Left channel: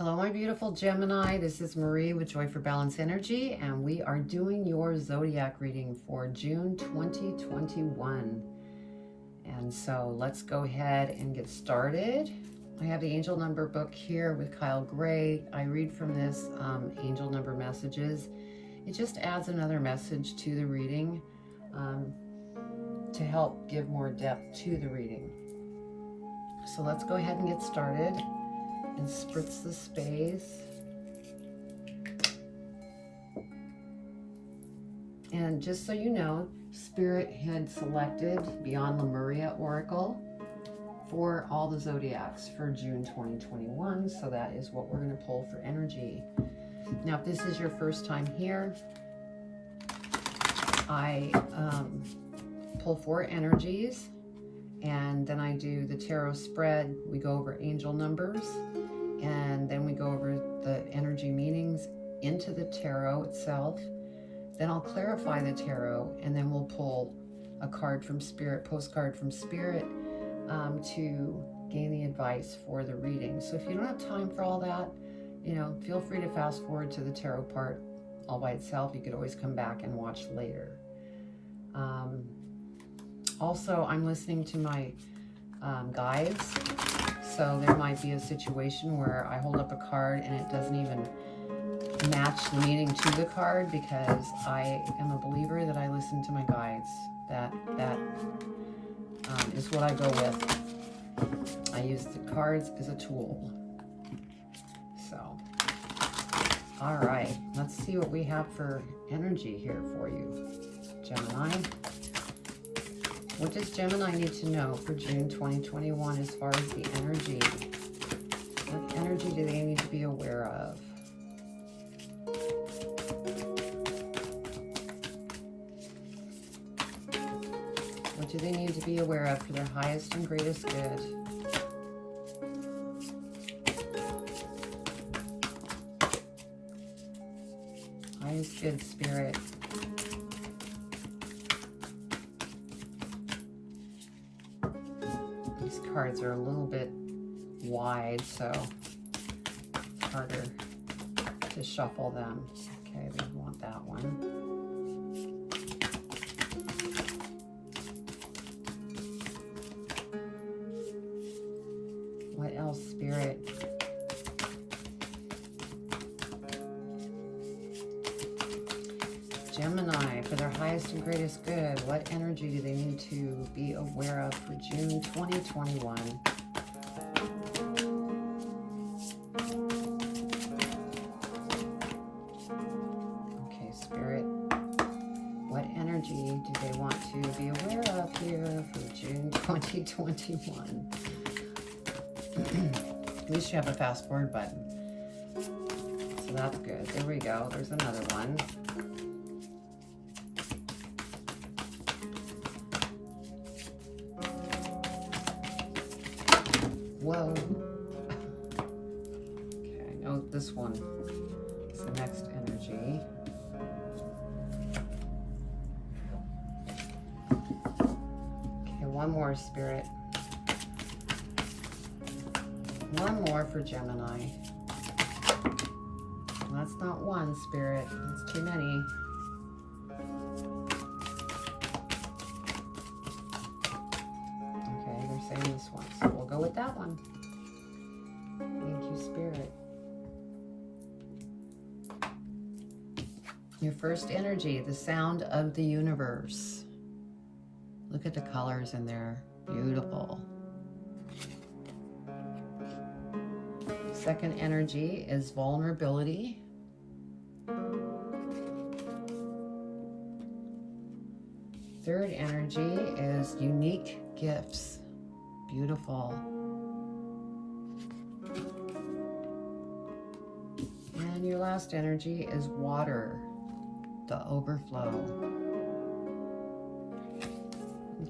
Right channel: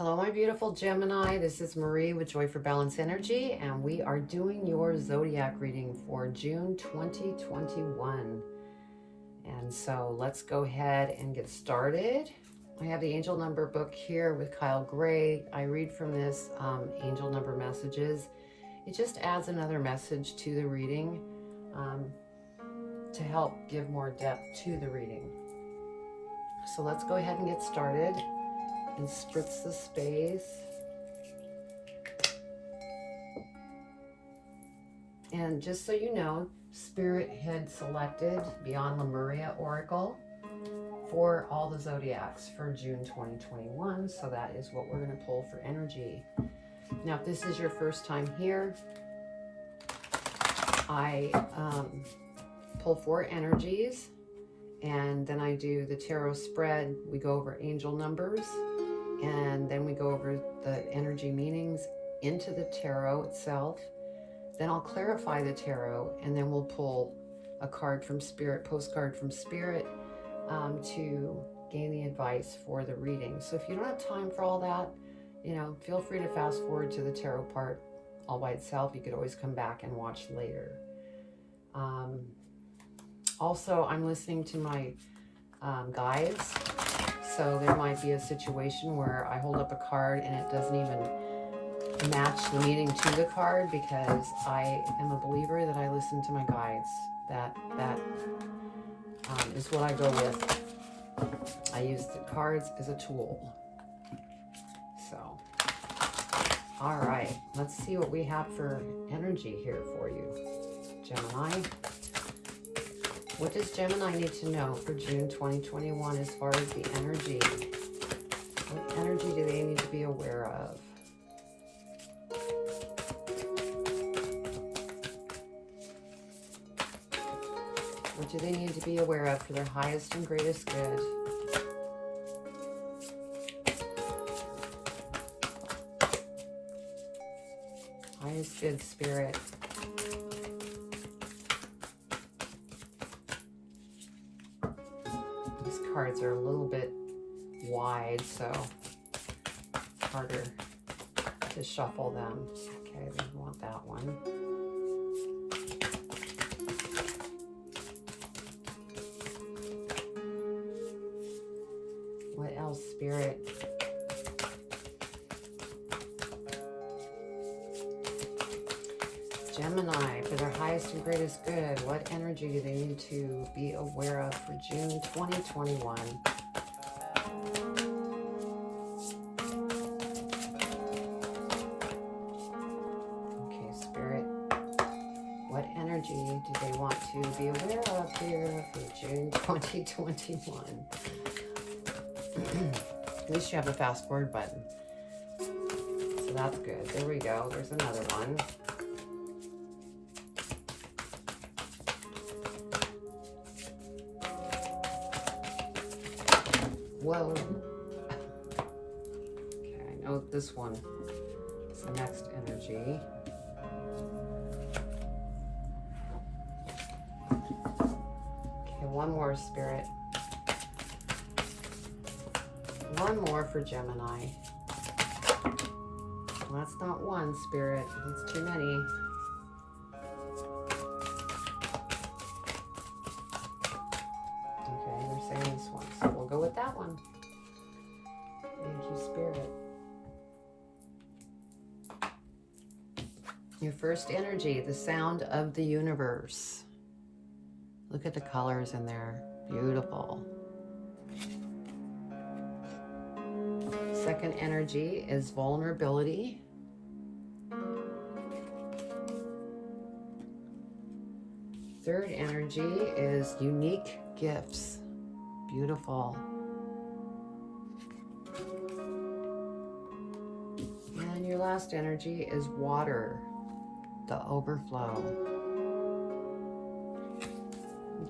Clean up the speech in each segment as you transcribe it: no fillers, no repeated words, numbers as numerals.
Hello, my beautiful Gemini. This is Marie with Joy for Balance Energy, and we are doing your zodiac reading for June 2021. And so let's go ahead and get started. I have the angel number book here with Kyle Gray. I read from this angel number messages. It just adds another message to the reading to help give more depth to the reading. So let's go ahead and get started. And spritz the space. And just so you know, Spirit had selected Beyond Lemuria Oracle for all the zodiacs for June 2021. So that is what we're going to pull for energy. Now, if this is your first time here, I pull 4 energies. And then I do the tarot spread. We go over angel numbers, and then we go over the energy meanings into the tarot itself. Then I'll clarify the tarot, and then we'll pull a card from Spirit, postcard from Spirit, to gain the advice for the reading. So if you don't have time for all that, feel free to fast forward to the tarot part all by itself. You could always come back and watch later. Also, I'm listening to my guides, so there might be a situation where I hold up a card and it doesn't even match the meaning to the card, because I am a believer that I listen to my guides. That is what I go with. I use the cards as a tool. So, all right, let's see what we have for energy here for you, Gemini. What does Gemini need to know for June 2021 as far as the energy? What energy do they need to be aware of? What do they need to be aware of for their highest and greatest good? Highest good, Spirit. Cards are a little bit wide, so it's harder to shuffle them. Okay, we want that one. What else, Spirit? Gemini, for their highest and greatest good, what energy do they need to be aware of for June 2021? Okay, Spirit, what energy do they want to be aware of here for June 2021? At least you have a fast forward button. So that's good. There we go. There's another one. Whoa. Okay, I know this one is the next energy. Okay, one more, Spirit. One more for Gemini. Well, that's not one, Spirit. That's too many. Okay, they're saying this one, so we'll go with that one. Thank you, Spirit. Your first energy, the sound of the universe. Look at the colors in there. Beautiful. Second energy is vulnerability. Third energy is unique gifts. Beautiful. And your last energy is water, the overflow.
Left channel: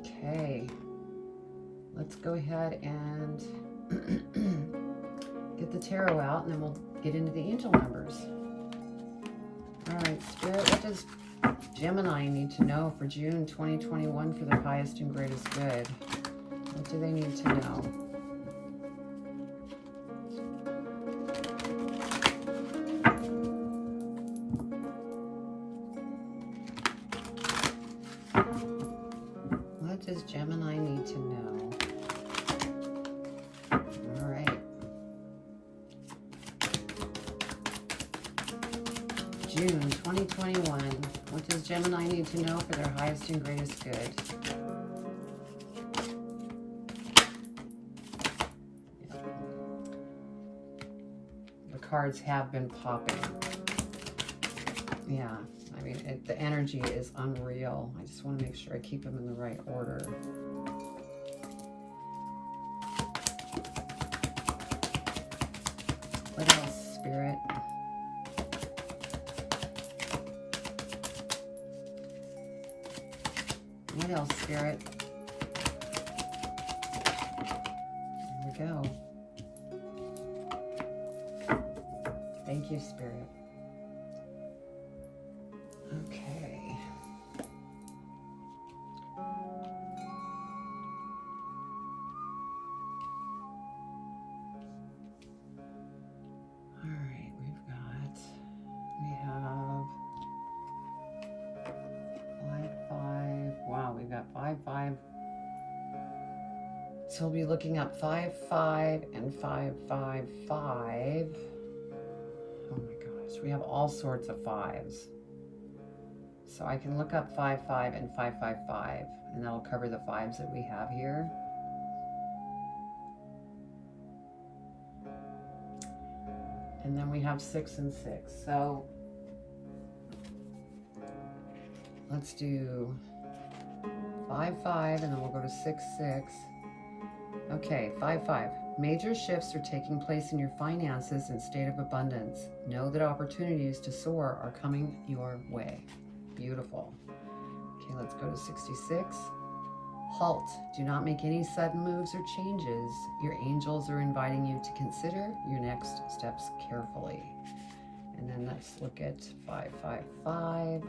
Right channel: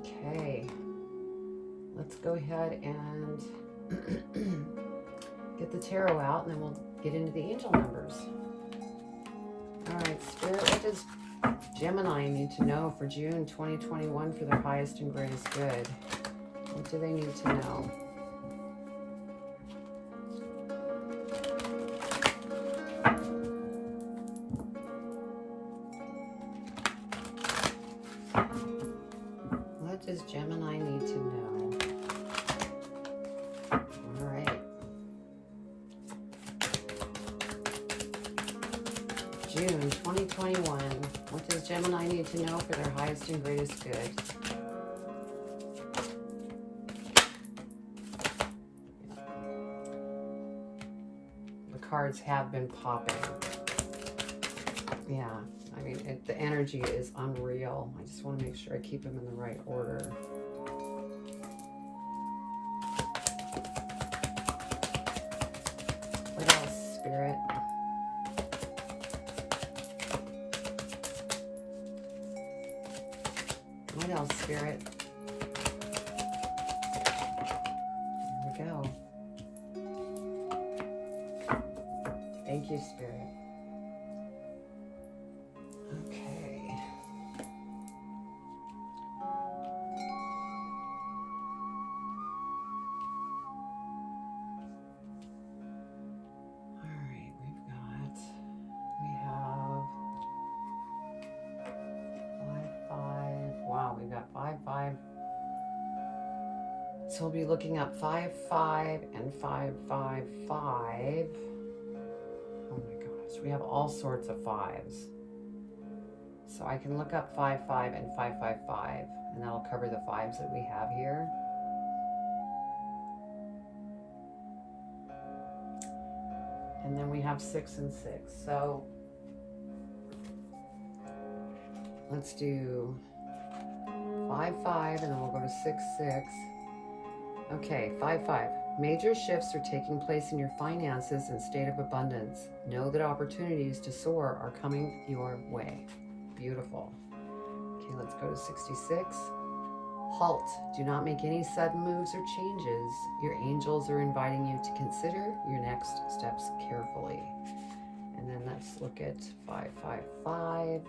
Okay, let's go ahead and get the tarot out, and then we'll get into the angel numbers. All right, Spirit, what does Gemini need to know for June 2021 for their highest and greatest good? What do they need to know? What does Gemini need to know? All right. June 2021. What does Gemini need to know for their highest and greatest good? The cards have been popping. Yeah, I mean, the energy is unreal. I just want to make sure I keep them in the right order. What else, Spirit? What else, Spirit? There we go. Thank you, Spirit. Okay. All right, we have 5, 5. Wow, we've got 5, 5. So we'll be looking at 5, 5, and 5, 5, 5. Oh my gosh, we have all sorts of 5s. So I can look up 5, 5, and 5, 5, 5, and that'll cover the 5s that we have here. And then we have 6 and 6. So let's do 5, 5, and then we'll go to 6, 6. Okay, 5, 5. Major shifts are taking place in your finances and state of abundance. Know that opportunities to soar are coming your way. Beautiful. Okay, let's go to 66. Halt. Do not make any sudden moves or changes. Your angels are inviting you to consider your next steps carefully. And then let's look at 5, 5, 5.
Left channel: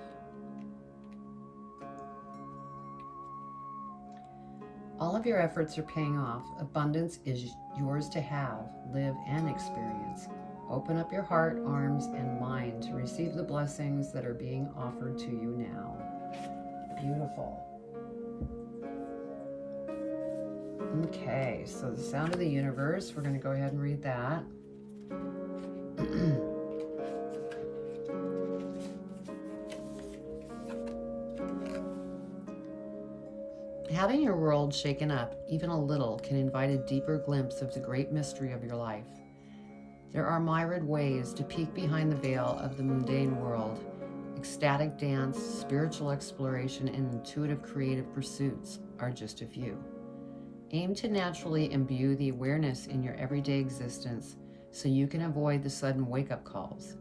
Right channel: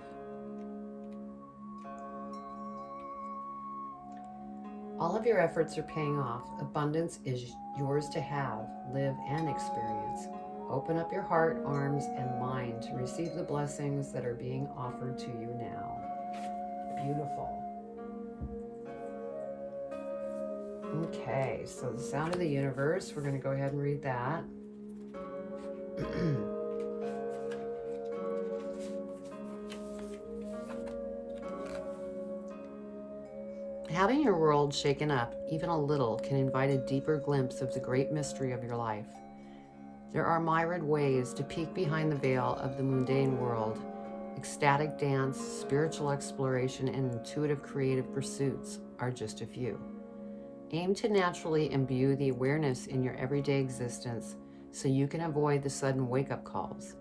All of your efforts are paying off. Abundance is yours to have, live, and experience. Open up your heart, arms, and mind to receive the blessings that are being offered to you now. Beautiful. Okay, so the sound of the universe, we're going to go ahead and read that. Having your world shaken up, even a little, can invite a deeper glimpse of the great mystery of your life. There are myriad ways to peek behind the veil of the mundane world. Ecstatic dance, spiritual exploration, and intuitive creative pursuits are just a few. Aim to naturally imbue the awareness in your everyday existence so you can avoid the sudden wake-up calls.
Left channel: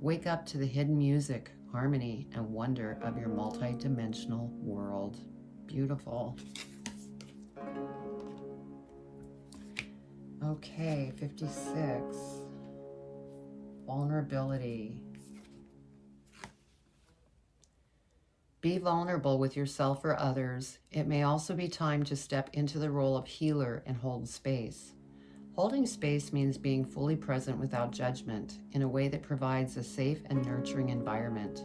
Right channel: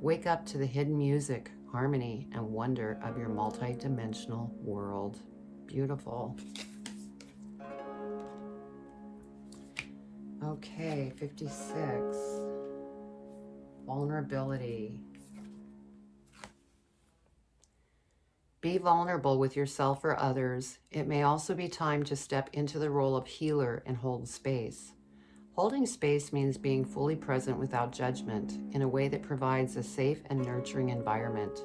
Wake up to the hidden music, harmony, and wonder of your multi-dimensional world. Beautiful. Okay, 56. Vulnerability. Be vulnerable with yourself or others. It may also be time to step into the role of healer and hold space. Holding space means being fully present without judgment in a way that provides a safe and nurturing environment.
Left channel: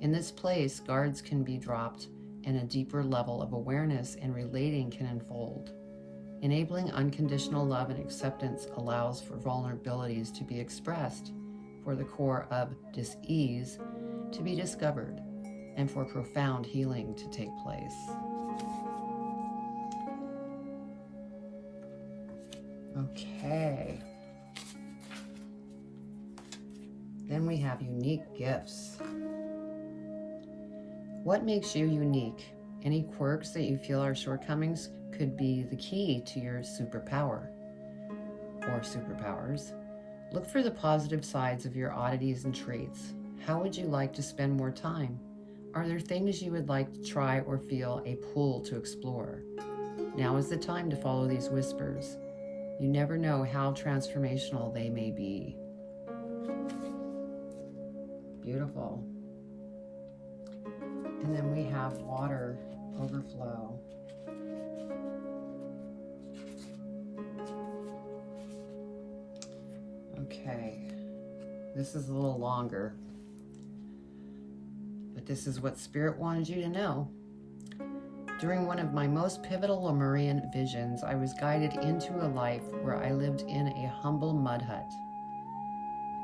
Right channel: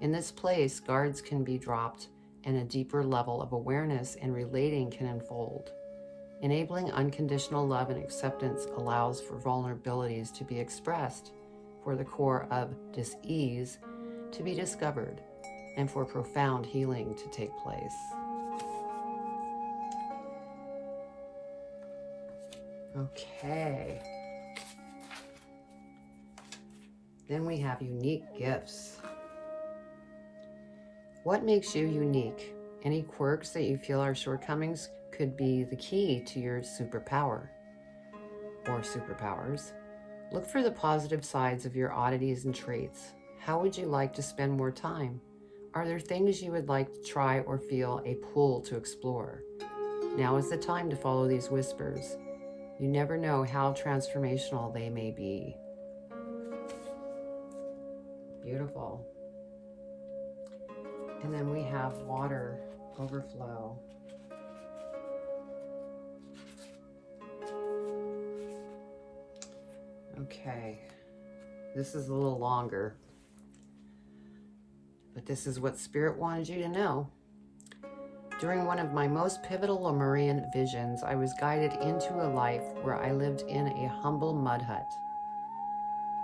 In this place, guards can be dropped and a deeper level of awareness and relating can unfold. Enabling unconditional love and acceptance allows for vulnerabilities to be expressed, for the core of dis-ease to be discovered, and for profound healing to take place. Okay. Then we have unique gifts. What makes you unique? Any quirks that you feel are shortcomings could be the key to your superpower or superpowers. Look for the positive sides of your oddities and traits. How would you like to spend more time? Are there things you would like to try or feel a pull to explore? Now is the time to follow these whispers. You never know how transformational they may be. Beautiful. And then we have water overflow. Okay, this is a little longer, but this is what Spirit wanted you to know. During one of my most pivotal Lemurian visions, I was guided into a life where I lived in a humble mud hut.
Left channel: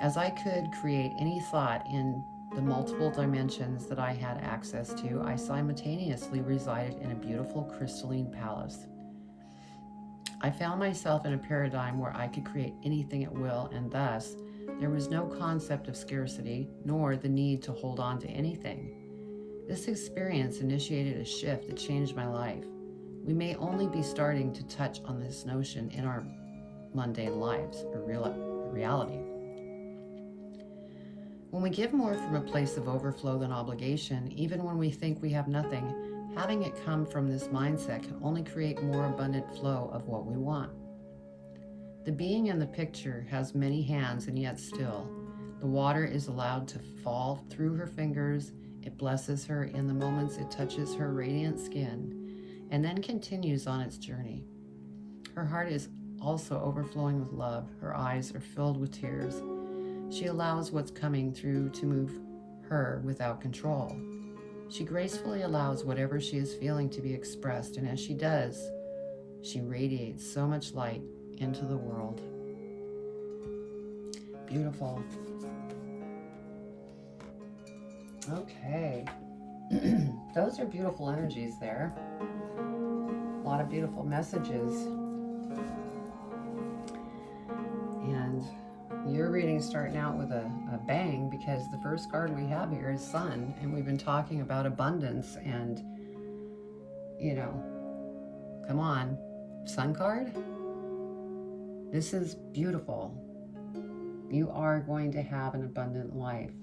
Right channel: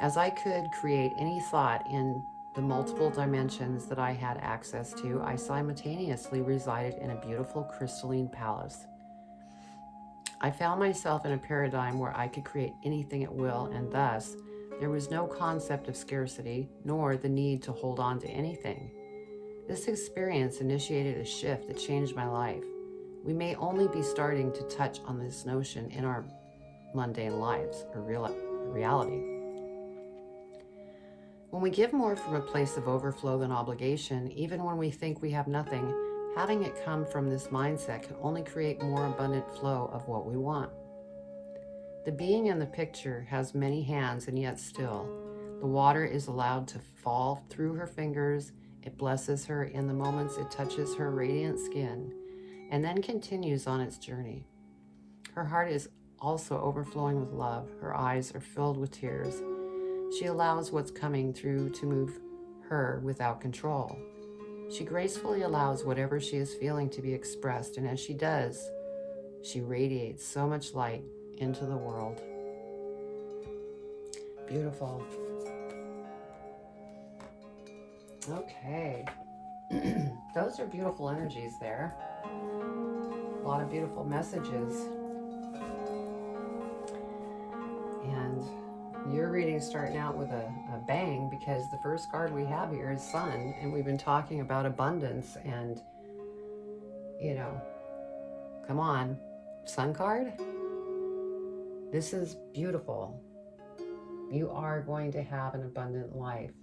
As I could create any thought in the multiple dimensions that I had access to, I simultaneously resided in a beautiful crystalline palace. I found myself in a paradigm where I could create anything at will, and thus there was no concept of scarcity, nor the need to hold on to anything. This experience initiated a shift that changed my life. We may only be starting to touch on this notion in our mundane lives, or reality. When we give more from a place of overflow than obligation, even when we think we have nothing, having it come from this mindset can only create more abundant flow of what we want. The being in the picture has many hands, and yet still, the water is allowed to fall through her fingers. It blesses her in the moments it touches her radiant skin, and then continues on its journey. Her heart is also overflowing with love. Her eyes are filled with tears. She allows what's coming through to move her without control. She gracefully allows whatever she is feeling to be expressed, and as she does, she radiates so much light into the world. Beautiful. Okay. Those are beautiful energies there. A lot of beautiful messages. And your reading's starting out with a bang, because the first card we have here is Sun, and we've been talking about abundance, and, you know, come on, Sun card? This is beautiful. You are going to have an abundant life.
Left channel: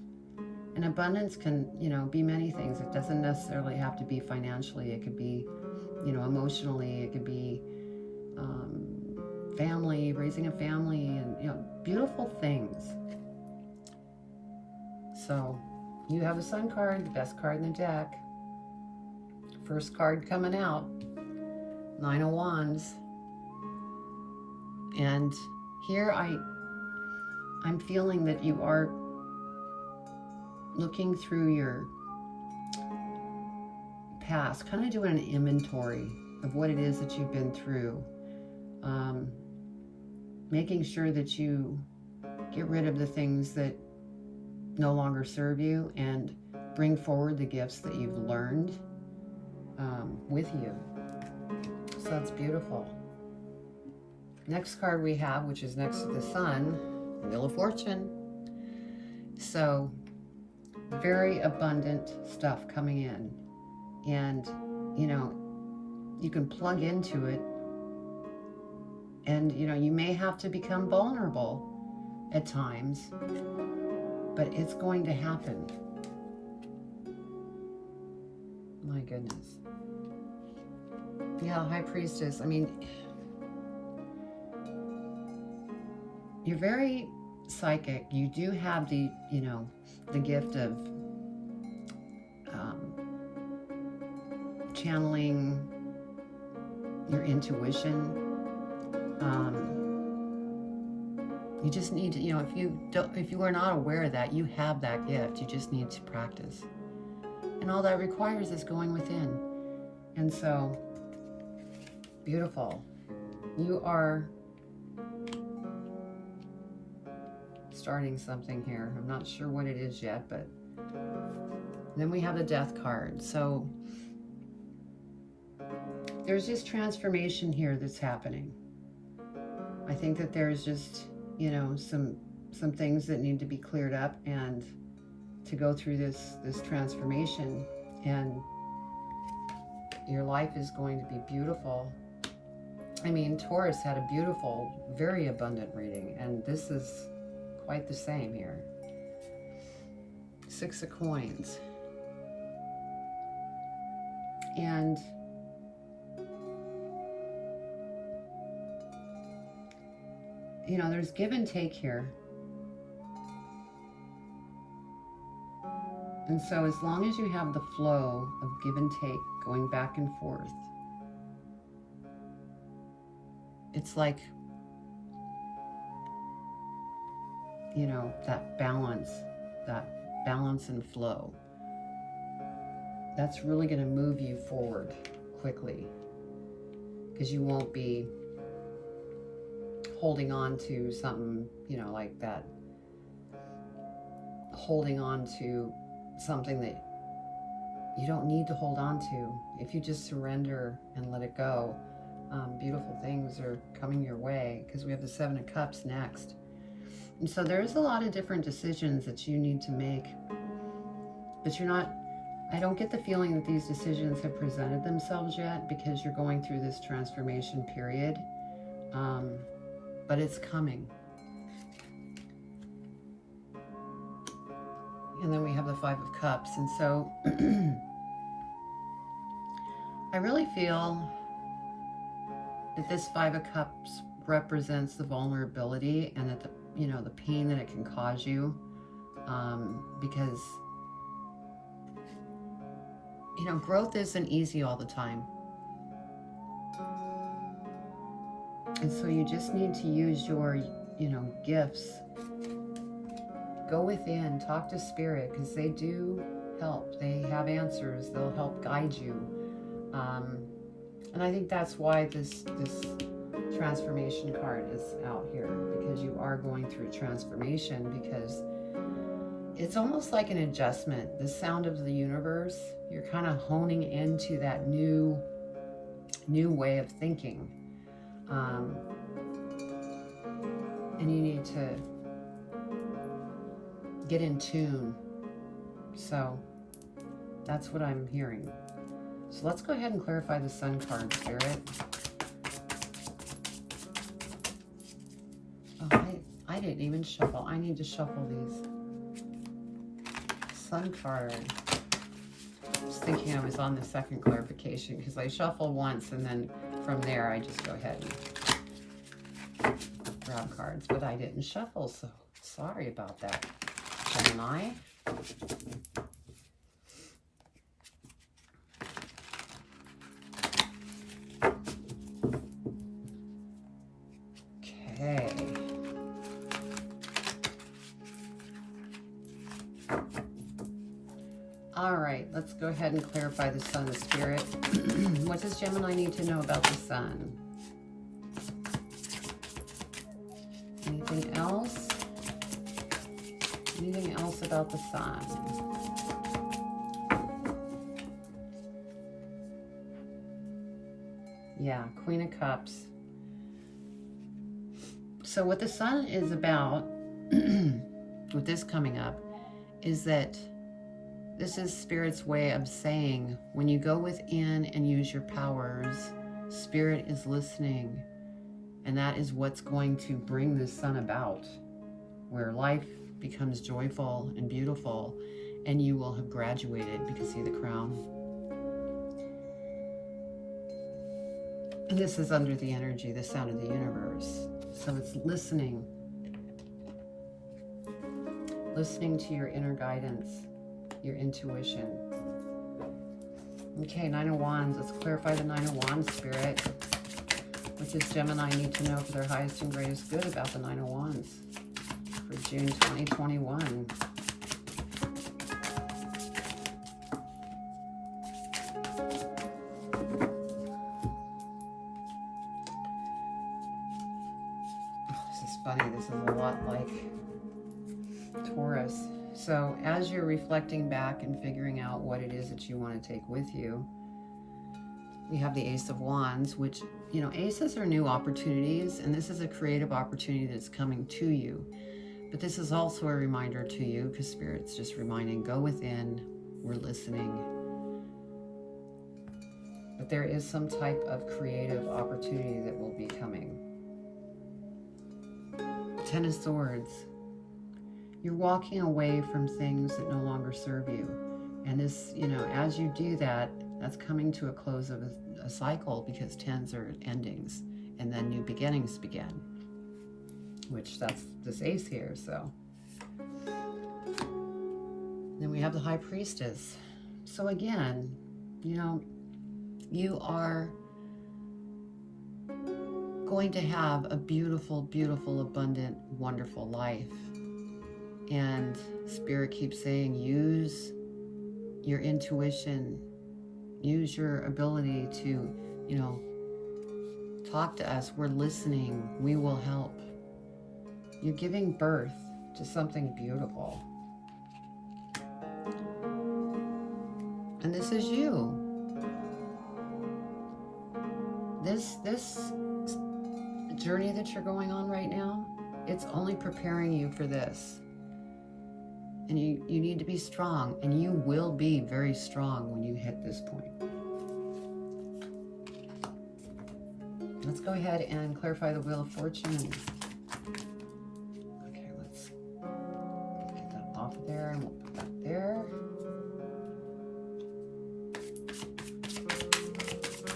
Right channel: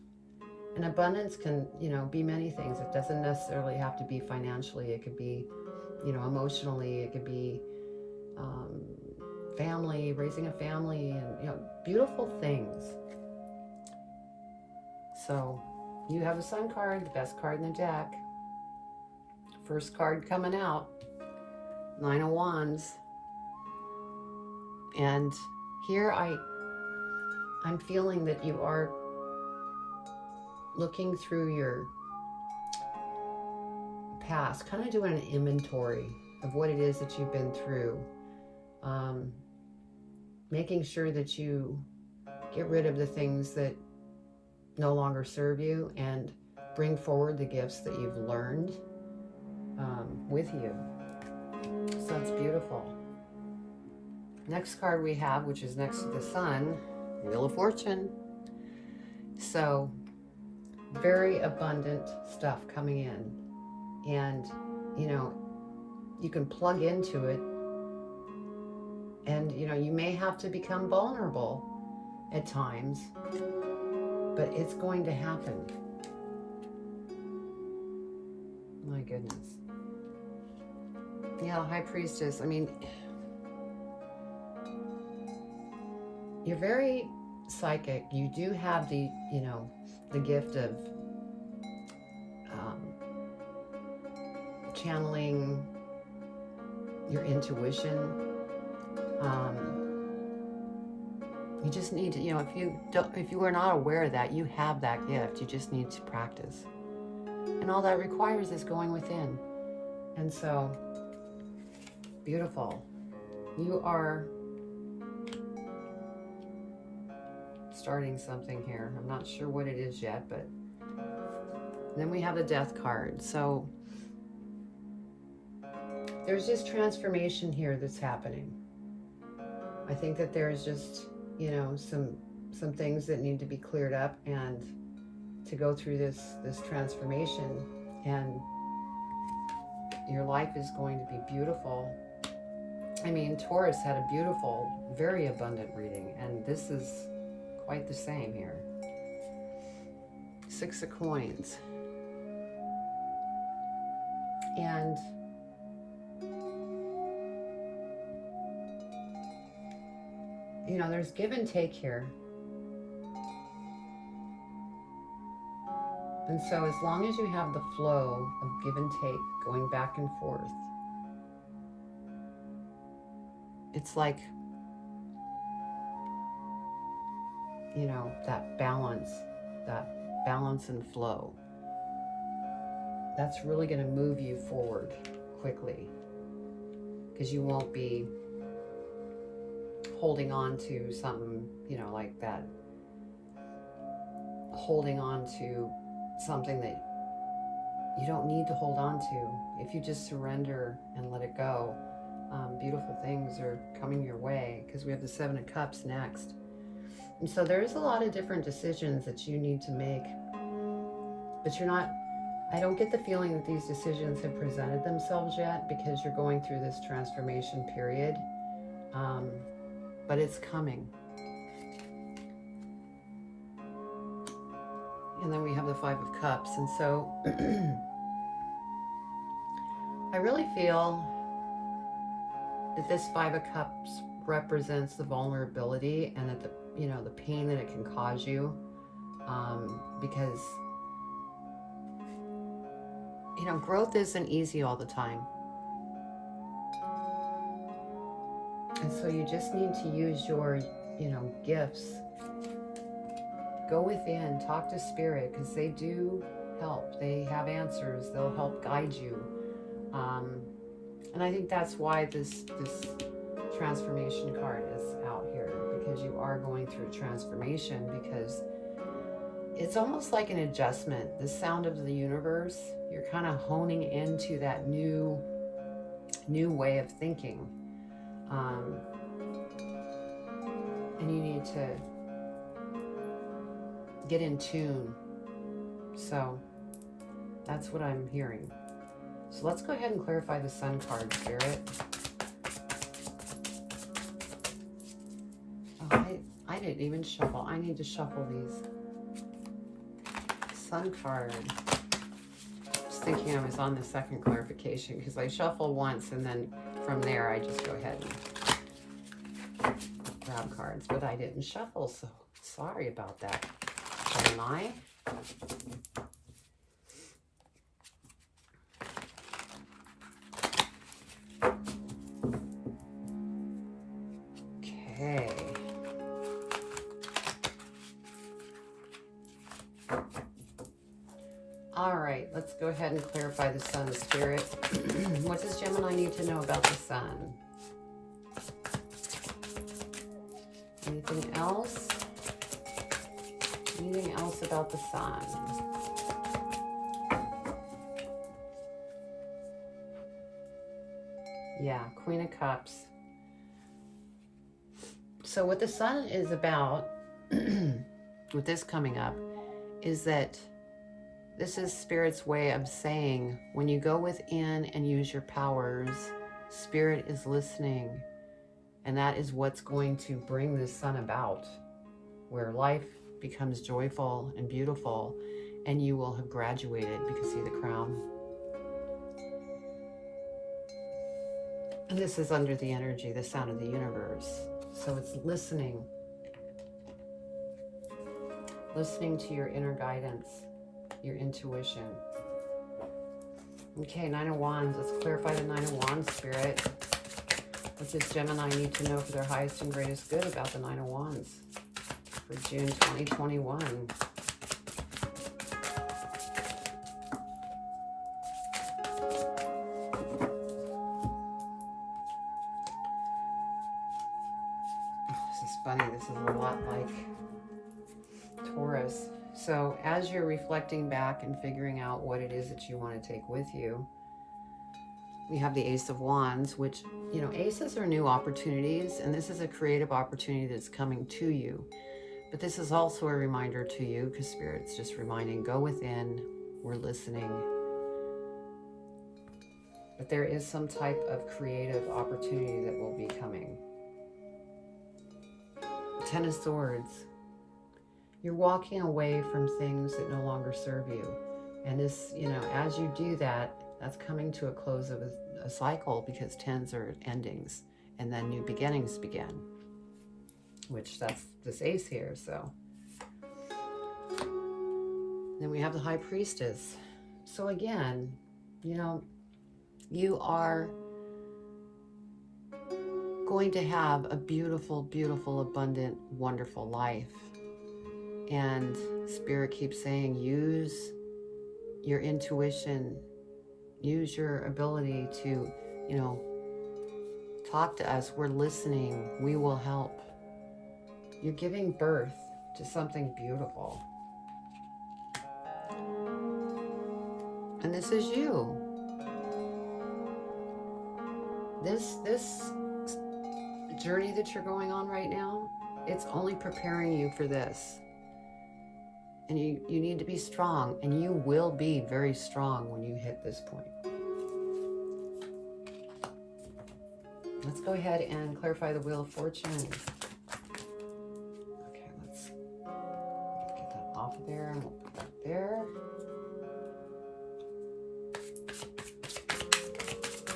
And abundance can, be many things. It doesn't necessarily have to be financially. It could be, emotionally. It could be family, raising a family, and, beautiful things. So you have a Sun card, the best card in the deck. First card coming out, 9 of Wands. And here I'm feeling that you are looking through your past, kind of doing an inventory of what it is that you've been through, making sure that you get rid of the things that no longer serve you and bring forward the gifts that you've learned with you. So it's beautiful. Next card we have, which is next to the Sun, Wheel of Fortune. So very abundant stuff coming in, and you can plug into it, and you may have to become vulnerable at times, but it's going to happen. My goodness. Yeah, High Priestess, you're very psychic. You do have the gift of channeling your intuition. You just need to, if you are not aware of that, you have that gift. You just need to practice. And all that requires is going within. And so, beautiful. You are starting something here. I'm not sure what it is yet, but then we have the Death card. So there's just transformation here that's happening. I think that there's just, some things that need to be cleared up, and to go through this transformation, and your life is going to be beautiful. Taurus had a beautiful, very abundant reading, and this is quite the same here. 6 of Coins. And there's give and take here. And so as long as you have the flow of give and take going back and forth, it's like, that balance and flow. That's really going to move you forward quickly, because you won't be holding on to something, you know, like that, holding on to something that you don't need to hold on to. If you just surrender and let it go, beautiful things are coming your way, because we have the Seven of Cups next. And so there's a lot of different decisions that you need to make, but you're not, I don't get the feeling that these decisions have presented themselves yet, because you're going through this transformation period, but it's coming. And then we have the Five of Cups. And so I really feel that this Five of Cups represents the vulnerability, and that the, you know, the pain that it can cause you, because, you know, growth isn't easy all the time. And so you just need to use your, you know, gifts. Go within, talk to Spirit, because they do help. They have answers. They'll help guide you. And I think that's why this transformation card is out here, because you are going through a transformation, because it's almost like an adjustment. The sound of the universe, you're kind of honing into that new way of thinking. And you need to get in tune. So that's what I'm hearing. So let's go ahead and clarify the Sun card, Spirit. Oh, I didn't even shuffle. I need to shuffle these. Sun card. I was thinking I was on the second clarification, because I shuffle once and then from there I just go ahead and grab cards, but I didn't shuffle, so sorry about that. Gemini. Okay. All right, let's go ahead and clarify the Sun, Spirit. What does Gemini need to know about the Sun? Anything else? Anything else about the Sun? Yeah, Queen of Cups. So what the Sun is about, with this coming up, is that this is Spirit's way of saying, when you go within and use your powers, Spirit is listening. And that is what's going to bring this Sun about, where life becomes joyful and beautiful, and you will have graduated, because see the crown. And this is under the energy, the sound of the universe. So it's listening. Listening to your inner guidance, your intuition. Okay, Nine of Wands. Let's clarify the Nine of Wands, Spirit. What does Gemini need to know for their highest and greatest good about the Nine of Wands for June 2021? This is funny. This is a lot like Taurus. So as you're reflecting back and figuring out what it is that you want to take with you, we have the Ace of Wands, which, you know, aces are new opportunities, and this is a creative opportunity that's coming to you. But this is also a reminder to you, because Spirit's just reminding, go within, we're listening. But there is some type of creative opportunity that will be coming. Ten of Swords. You're walking away from things that no longer serve you. And this, you know, as you do that, that's coming to a close of a cycle, because tens are endings, and then new beginnings begin, which that's this ace here. So then we have the High Priestess. So again, you know, you are going to have a beautiful, beautiful, abundant, wonderful life. And Spirit keeps saying, use your intuition Use your ability to, you know, talk to us. We're listening. We will help. You're giving birth to something beautiful. And this is you. This journey that you're going on right now, it's only preparing you for this. And you need to be strong, and you will be very strong when you hit this point. Let's go ahead and clarify the Wheel of Fortune. Okay, let's get that off of there and we'll put that there.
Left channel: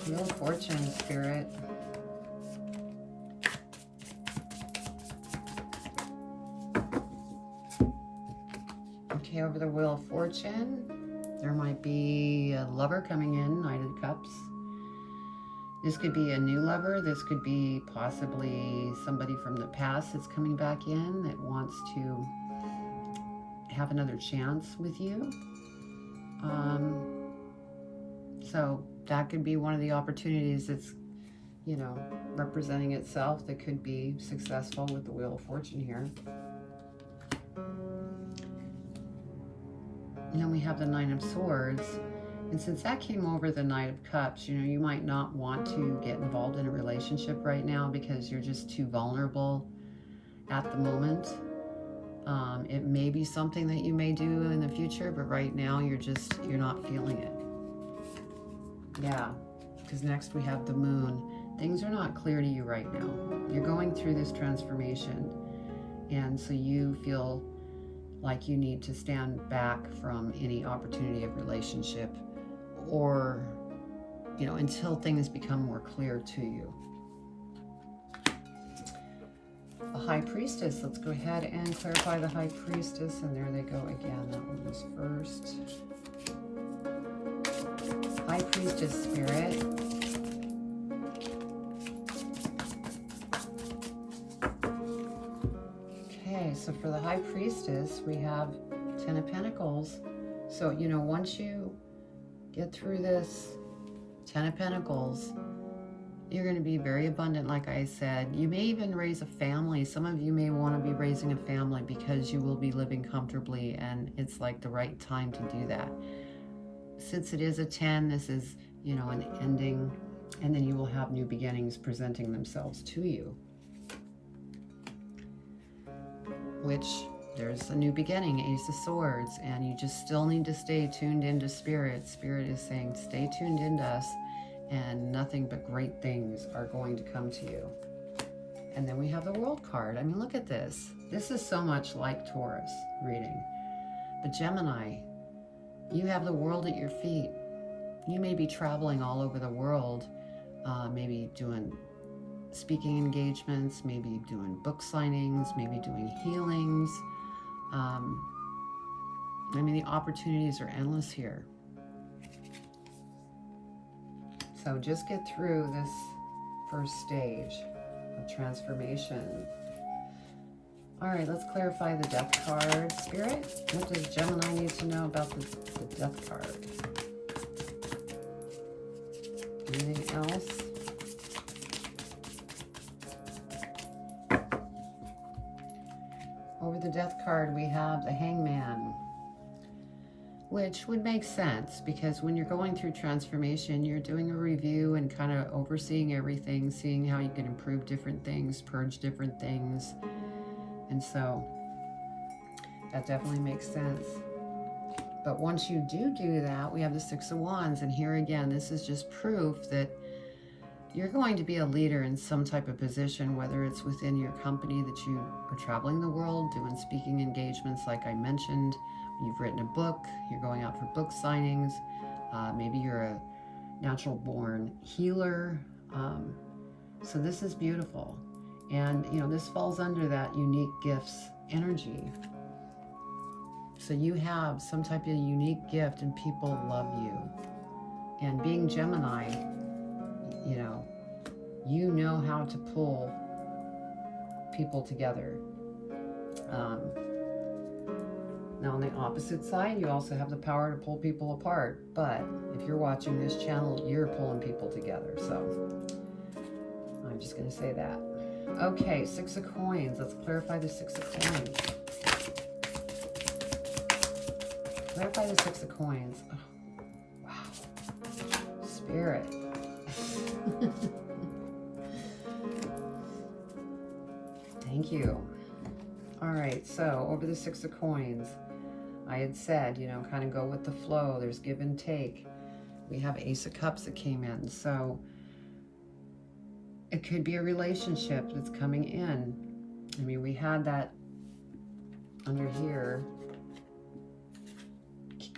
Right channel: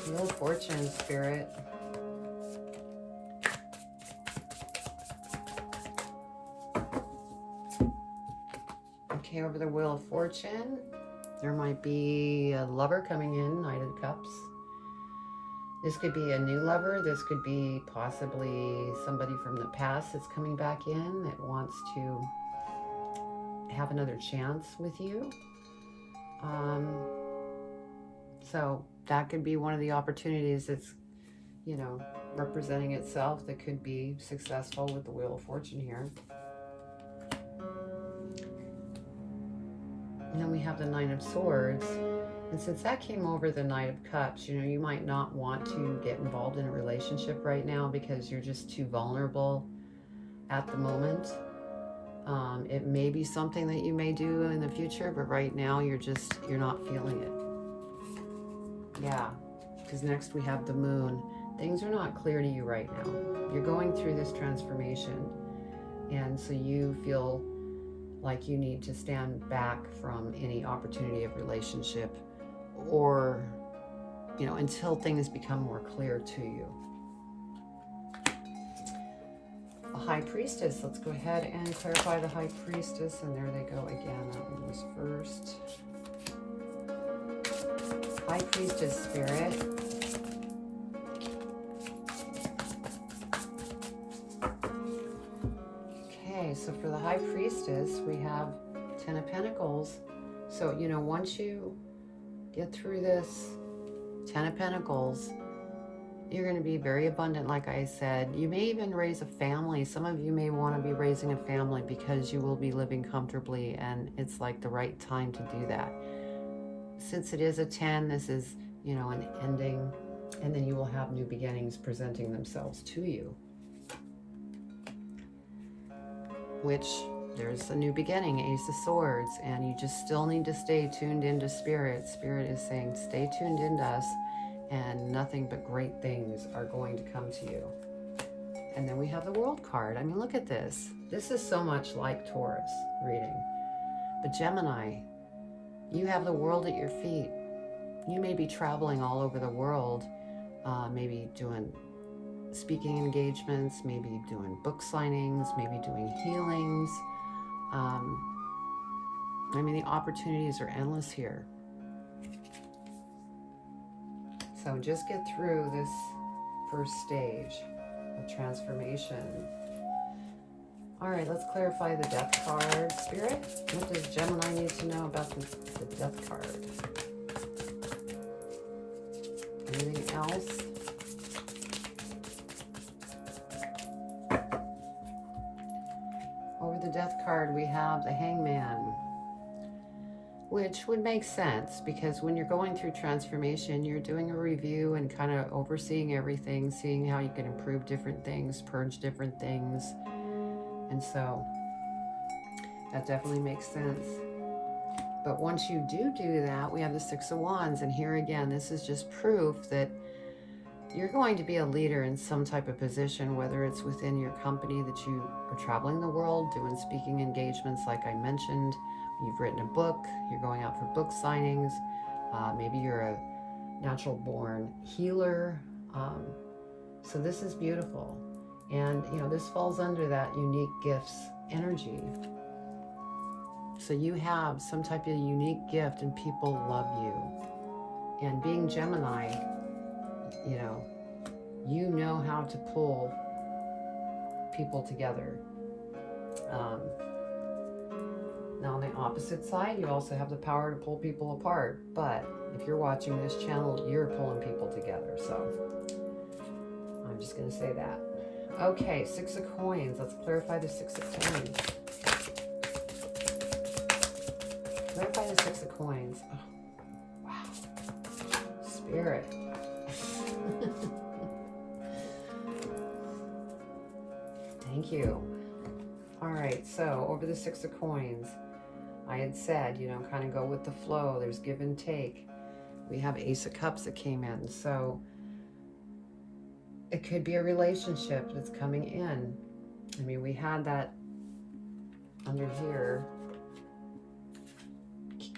Wheel of Fortune, Spirit. Okay, over the Wheel of Fortune, there might be a lover coming in, Knight of Cups. This could be a new lover. This could be possibly somebody from the past that's coming back in that wants to have another chance with you. So that could be one of the opportunities that's, you know, representing itself that could be successful with the Wheel of Fortune here. And then we have the Nine of Swords. And since that came over the Knight of Cups, you know, you might not want to get involved in a relationship right now because you're just too vulnerable at the moment. It may be something that you may do in the future, but right now you're not feeling it. Yeah, because next we have the Moon. Things are not clear to you right now. You're going through this transformation, and so you feel like you need to stand back from any opportunity of relationship, or, you know, until things become more clear to you. A High Priestess. Let's go ahead and clarify the High Priestess, and there they go again. That one was first. High Priestess, Spirit. Okay, so for the High Priestess, we have Ten of Pentacles. So, you know, once you get through this Ten of Pentacles, you're going to be very abundant, like I said. You may even raise a family. Some of you may want to be raising a family because you will be living comfortably, and it's like the right time to do that. Since it is a 10, this is, you know, an ending, and then you will have new beginnings presenting themselves to you. Which, there's a new beginning, Ace of Swords, and you just still need to stay tuned into Spirit. Spirit is saying, stay tuned into us, and nothing but great things are going to come to you. And then we have the World card. I mean, look at this. This is so much like Taurus reading. But Gemini, you have the world at your feet. You may be traveling all over the world, maybe doing speaking engagements, maybe doing book signings, maybe doing healings. I mean, the opportunities are endless here. So just get through this first stage of transformation. All right, let's clarify the Death card. Spirit, what does Gemini need to know about the Death card? Anything else? Over the Death card, we have the Hangman, which would make sense because when you're going through transformation, you're doing a review and kind of overseeing everything, seeing how you can improve different things, purge different things. And so that definitely makes sense. But once you do that, we have the Six of Wands. And here again, this is just proof that you're going to be a leader in some type of position, whether it's within your company that you are traveling the world, doing speaking engagements like I mentioned. You've written a book, you're going out for book signings. Maybe you're a natural born healer. So this is beautiful. And, you know, this falls under that unique gifts energy. So you have some type of unique gift and people love you. And being Gemini, you know how to pull people together. Now on the opposite side, you also have the power to pull people apart. But if you're watching this channel, you're pulling people together. So I'm just going to say that. Okay, 6 of coins. Let's clarify the 6 of coins. Clarify the 6 of coins. Oh, wow. Spirit. Thank you. All right, so over the 6 of coins, I had said, you know, kind of go with the flow. There's give and take. We have Ace of Cups that came in. So it could be a relationship that's coming in. I mean, we had that under here,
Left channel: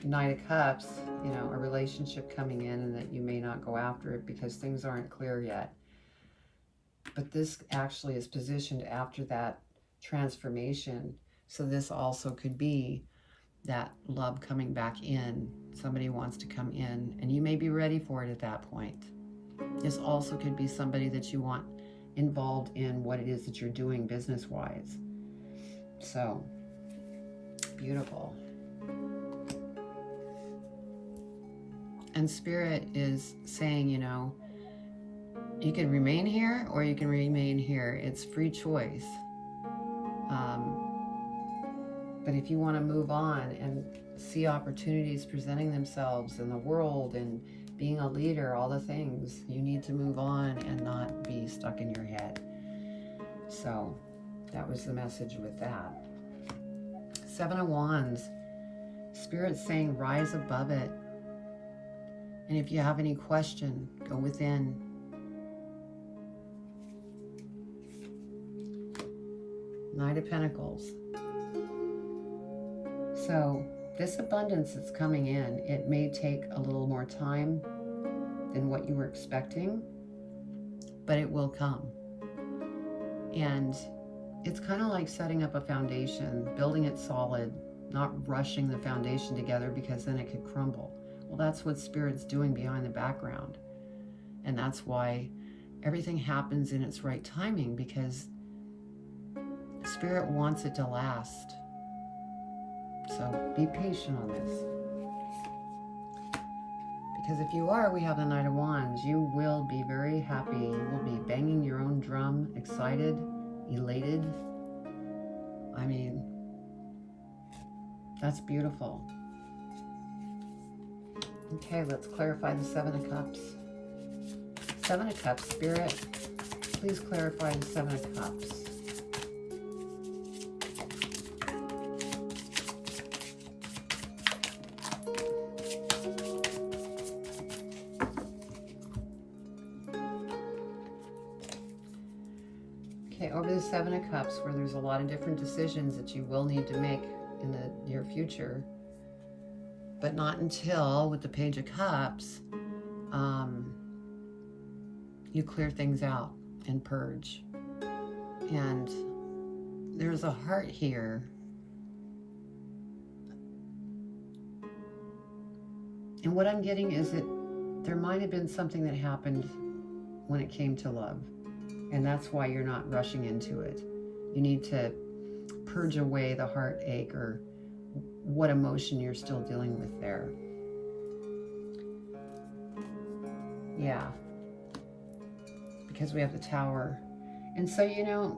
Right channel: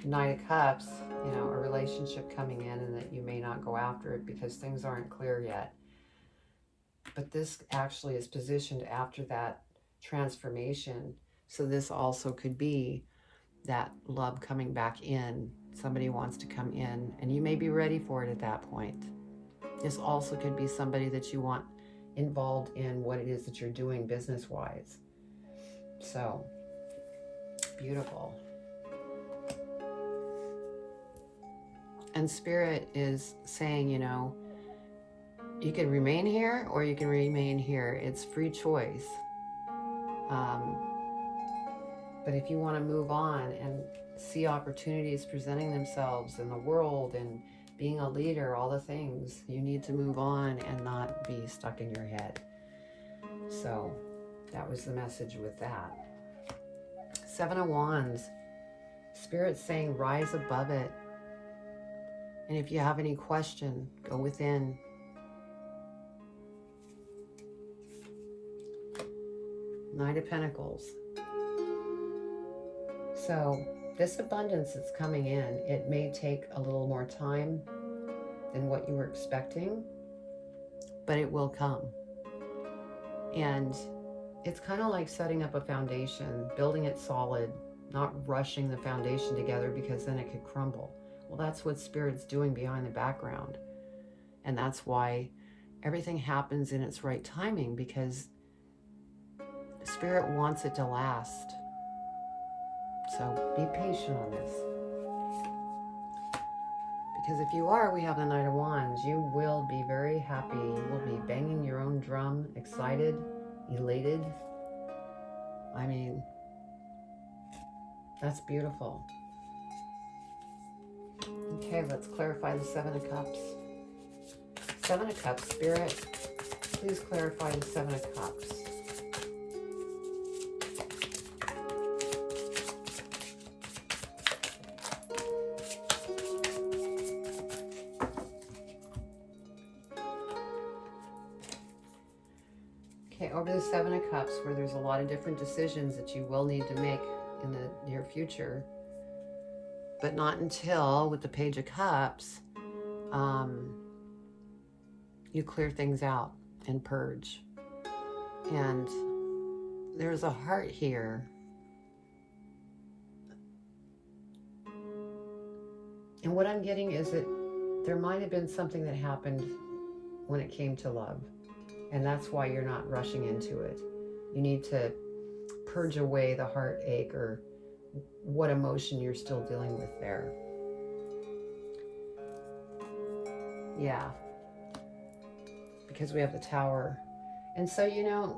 Knight of Cups, you know, a relationship coming in, and that you may not go after it because things aren't clear yet. But this actually is positioned after that transformation. So this also could be that love coming back in. Somebody wants to come in, and you may be ready for it at that point. This also could be somebody that you want involved in what it is that you're doing business-wise. So, beautiful. And Spirit is saying, you know, you can remain here or you can remain here. It's free choice. But if you want to move on and see opportunities presenting themselves in the world and being a leader, all the things, you need to move on and not be stuck in your head. So that was the message with that. 7 of Wands. Spirit's saying rise above it. And if you have any question, go within. Knight of Pentacles. So this abundance that's coming in, it may take a little more time than what you were expecting, but it will come. And it's kind of like setting up a foundation, building it solid, not rushing the foundation together because then it could crumble. Well, that's what Spirit's doing behind the background. And that's why everything happens in its right timing, because Spirit wants it to last. So be patient on this. Because if you are, we have the Knight of Wands, you will be very happy. You will be banging your own drum, excited, elated. I mean, that's beautiful. Okay, let's clarify the 7 of Cups. 7 of Cups, Spirit, please clarify the 7 of Cups. Okay, over the 7 of Cups, where there's a lot of different decisions that you will need to make in the near future, but not until, with the Page of Cups, you clear things out and purge. And there's a heart here. And what I'm getting is that there might have been something that happened when it came to love. And that's why you're not rushing into it. You need to purge away the heartache or what emotion you're still dealing with there. Yeah. Because we have the Tower. And so, you know,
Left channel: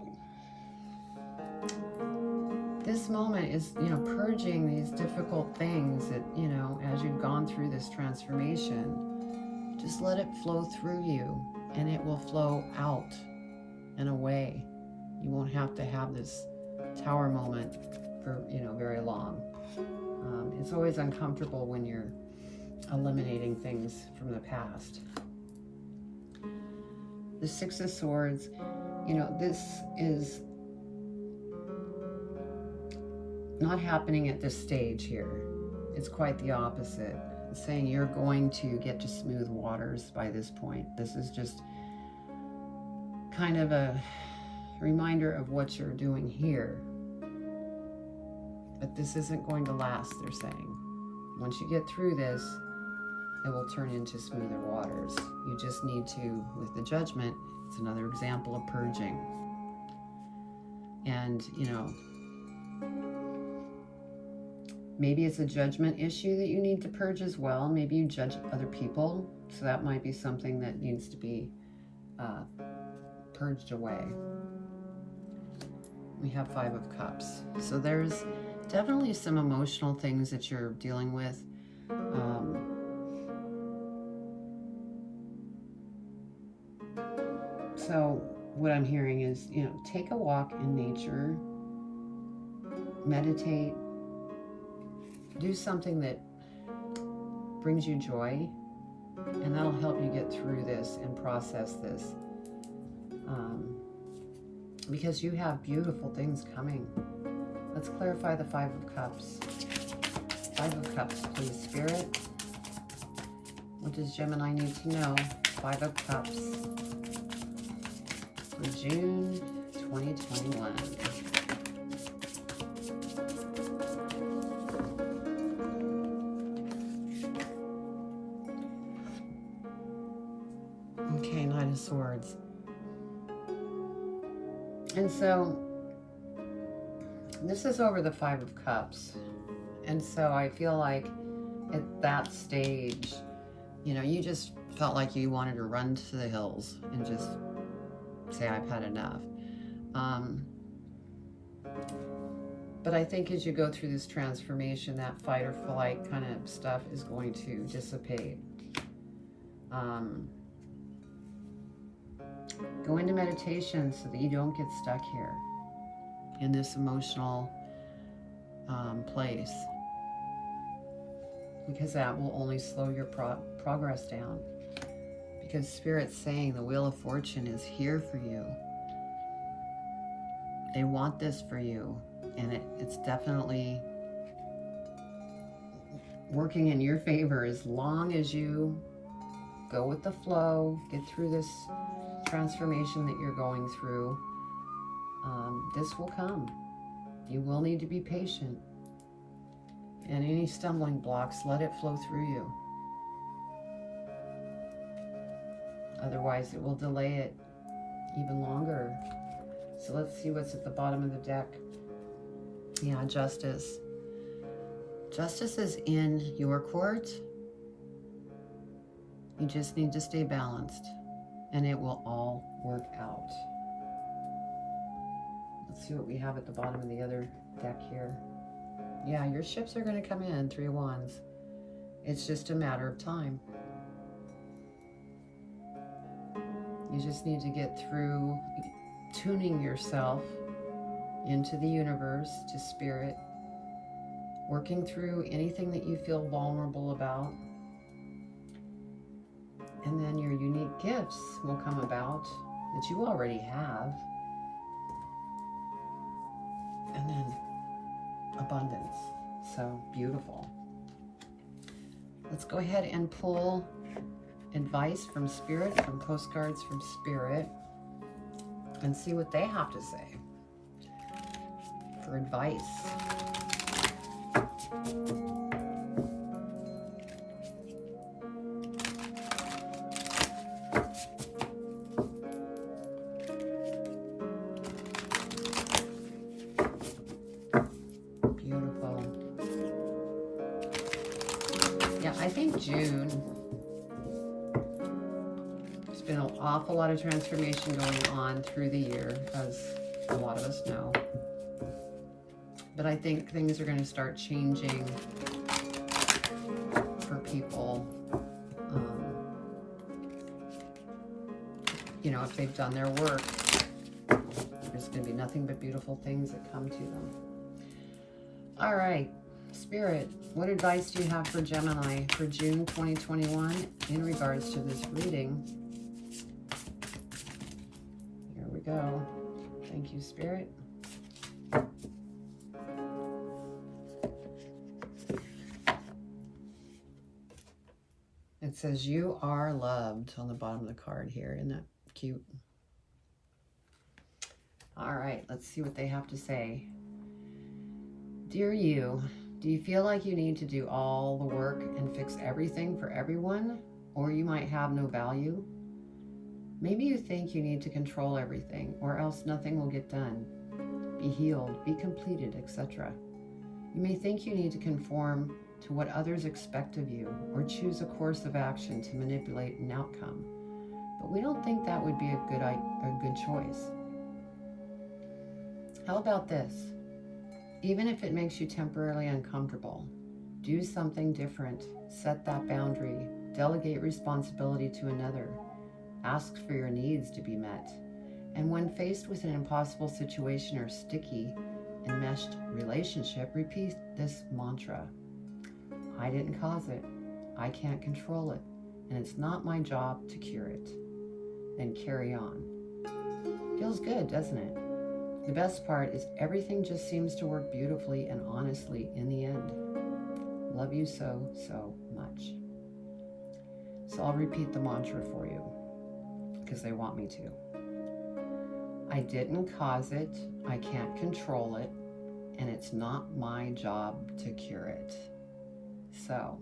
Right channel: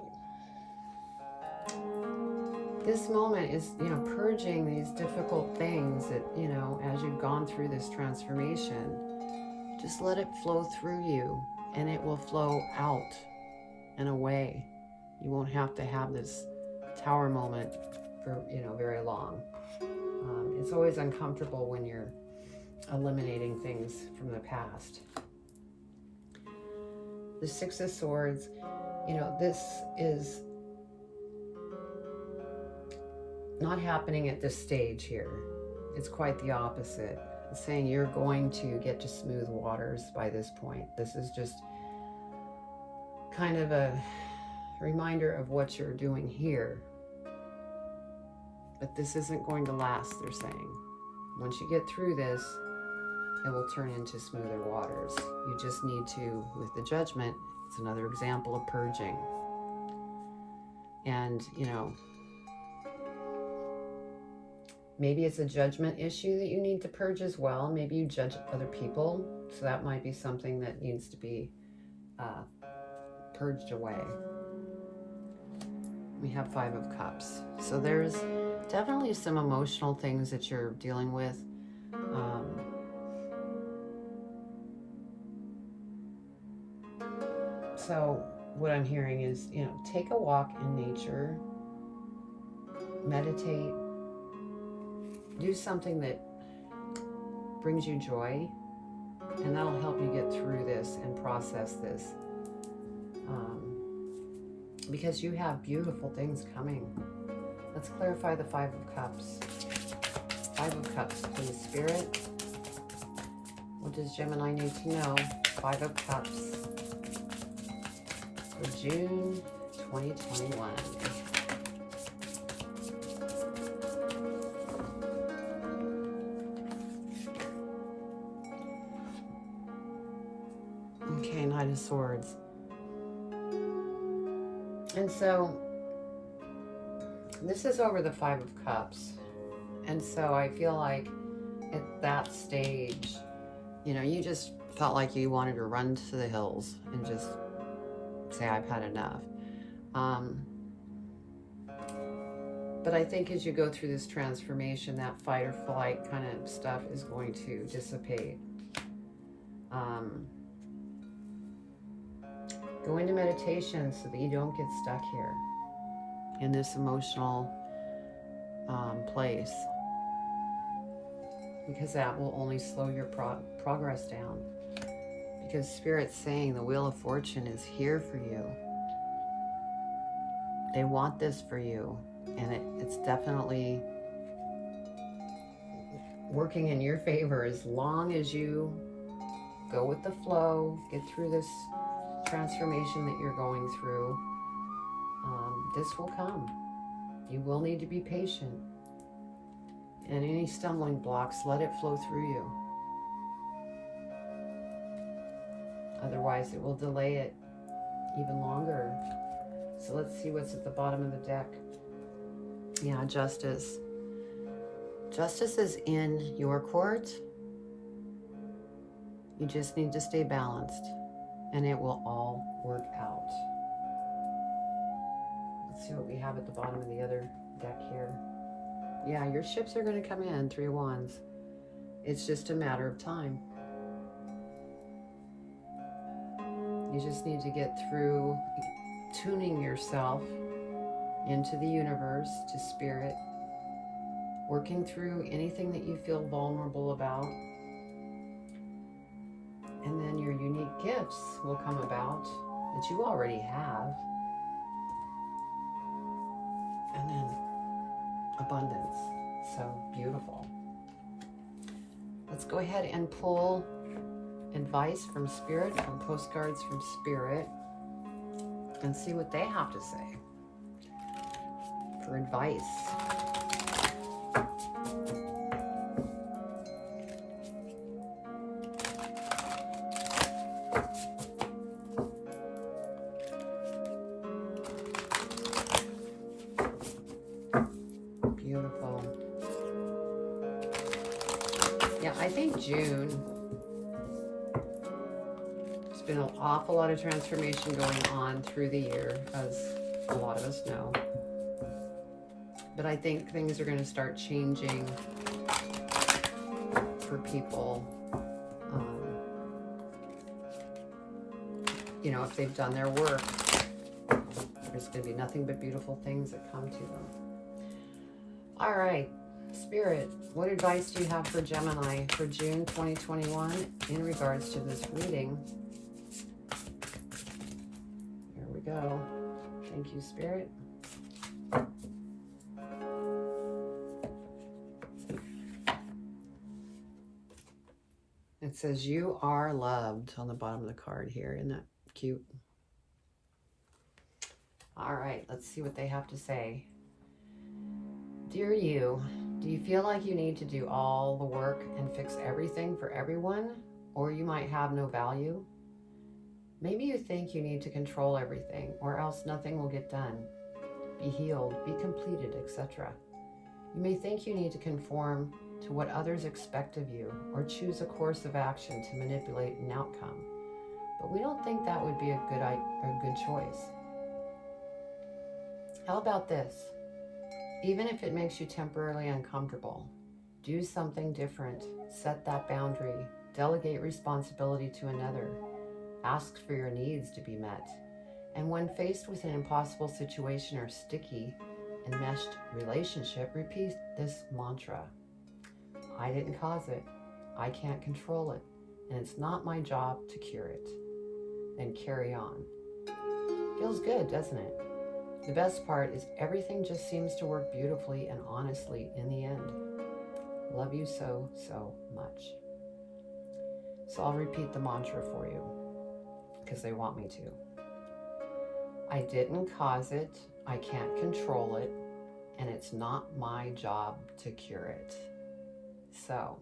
this moment is, you know, purging these difficult things that, you know, as you've gone through this transformation, just let it flow through you and it will flow out and away. You won't have to have this Tower moment for, you know, very long. It's always uncomfortable when you're eliminating things from the past. The 6 of Swords, you know, this is not happening at this stage here. It's quite the opposite. It's saying you're going to get to smooth waters by this point. This is just kind of a reminder of what you're doing here. But this isn't going to last, they're saying. Once you get through this, it will turn into smoother waters. You just need to, with the Judgment, it's another example of purging. And, you know, Maybe it's a judgment issue that you need to purge as well. Maybe you judge other people, so that might be something that needs to be purged away. We have 5 of Cups. So there's definitely some emotional things that you're dealing with. So what I'm hearing is, you know, take a walk in nature, meditate, do something that brings you joy, and that'll help you get through this and process this. Because you have beautiful things coming. Let's clarify the 5 of Cups. 5 of Cups, please, Spirit. What does Gemini need to know? 5 of Cups for June 2021. Okay, Knight of Swords. And so this is over the 5 of Cups. And so I feel like at that stage, you know, you just felt like you wanted to run to the hills and just say, I've had enough. But I think as you go through this transformation, that fight or flight kind of stuff is going to dissipate. Go into meditation so that you don't get stuck here in this emotional place, because that will only slow your progress down. Because Spirit's saying the Wheel of Fortune is here for you. They want this for you, and it's definitely working in your favor as long as you go with the flow, get through this transformation that you're going through. This will come. You will need to be patient. And any stumbling blocks, let it flow through you. Otherwise, it will delay it even longer. So let's see what's at the bottom of the deck. Yeah, Justice. Justice is in your court. You just need to stay balanced, and it will all work out. Let's see what we have at the bottom of the other deck here. Yeah, your ships are going to come in, 3 of Wands. It's just a matter of time. You just need to get through tuning yourself into the universe, to Spirit, working through anything that you feel vulnerable about. And then your unique gifts will come about that you already have. And then abundance. So beautiful. Let's go ahead and pull advice from Spirit, from postcards from Spirit, and see what they have to say for advice. Beautiful. Yeah, I think June, there's been an awful lot of transformation going on through the year, as a lot of us know. But I think things are going to start changing for people. You know, if they've done their work, there's going to be nothing but beautiful things that come to them. All right, Spirit, what advice do you have for Gemini for June 2021 in regards to this reading? Here we go. Thank you, Spirit. It says, you are loved on the bottom of the card here. Isn't that cute? All right, let's see what they have to say. Dear you, do you feel like you need to do all the work and fix everything for everyone? Or you might have no value? Maybe you think you need to control everything, or else nothing will get done, be healed, be completed, etc. You may think you need to conform to what others expect of you or choose a course of action to manipulate an outcome, but we don't think that would be a good choice. How about this? Even if it makes you temporarily uncomfortable, do something different, set that boundary, delegate responsibility to another, ask for your needs to be met. And when faced with an impossible situation or sticky, enmeshed relationship, repeat this mantra. I didn't cause it. I can't control it. And it's not my job to cure it. Then carry on. Feels good, doesn't it? The best part is everything just seems to work beautifully and honestly in the end. Love you so, so much. So I'll repeat the mantra for you because they want me to. I didn't cause it, I can't control it, and it's not my job to cure it. So,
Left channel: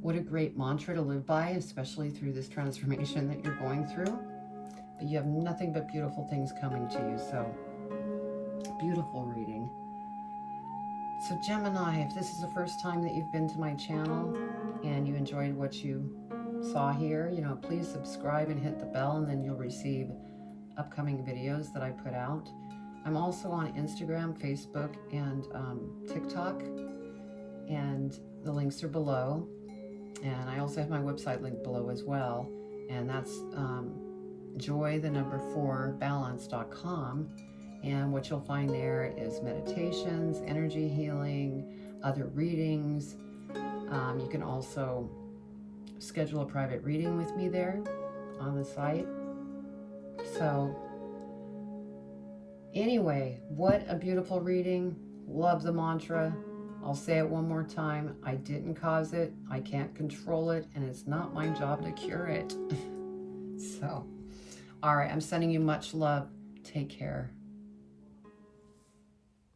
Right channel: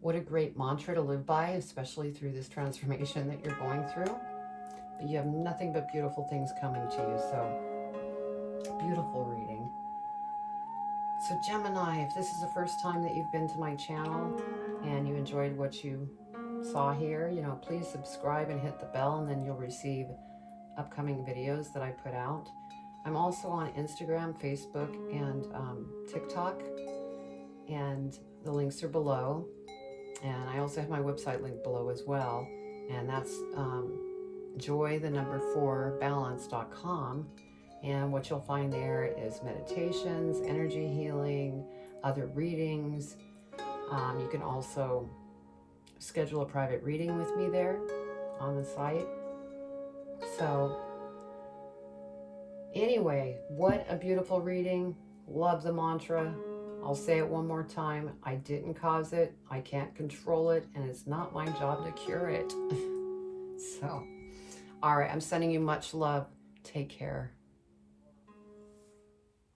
what a great mantra to live by, especially through this transformation that you're going through. But you have nothing but beautiful things coming to you, so beautiful reading. So Gemini, if this is the first time that you've been to my channel and you enjoyed what you saw here, please subscribe and hit the bell, and then you'll receive upcoming videos that I put out. I'm also on Instagram, Facebook, and TikTok, and the links are below. And I also have my website linked below as well, and that's joy4balance.com. And what you'll find there is meditations, energy healing, other readings. You can also schedule a private reading with me there on the site. So anyway, what a beautiful reading. Love the mantra. I'll say it one more time. I didn't cause it. I can't control it. And it's not my job to cure it. So, all right. I'm sending you much love. Take care.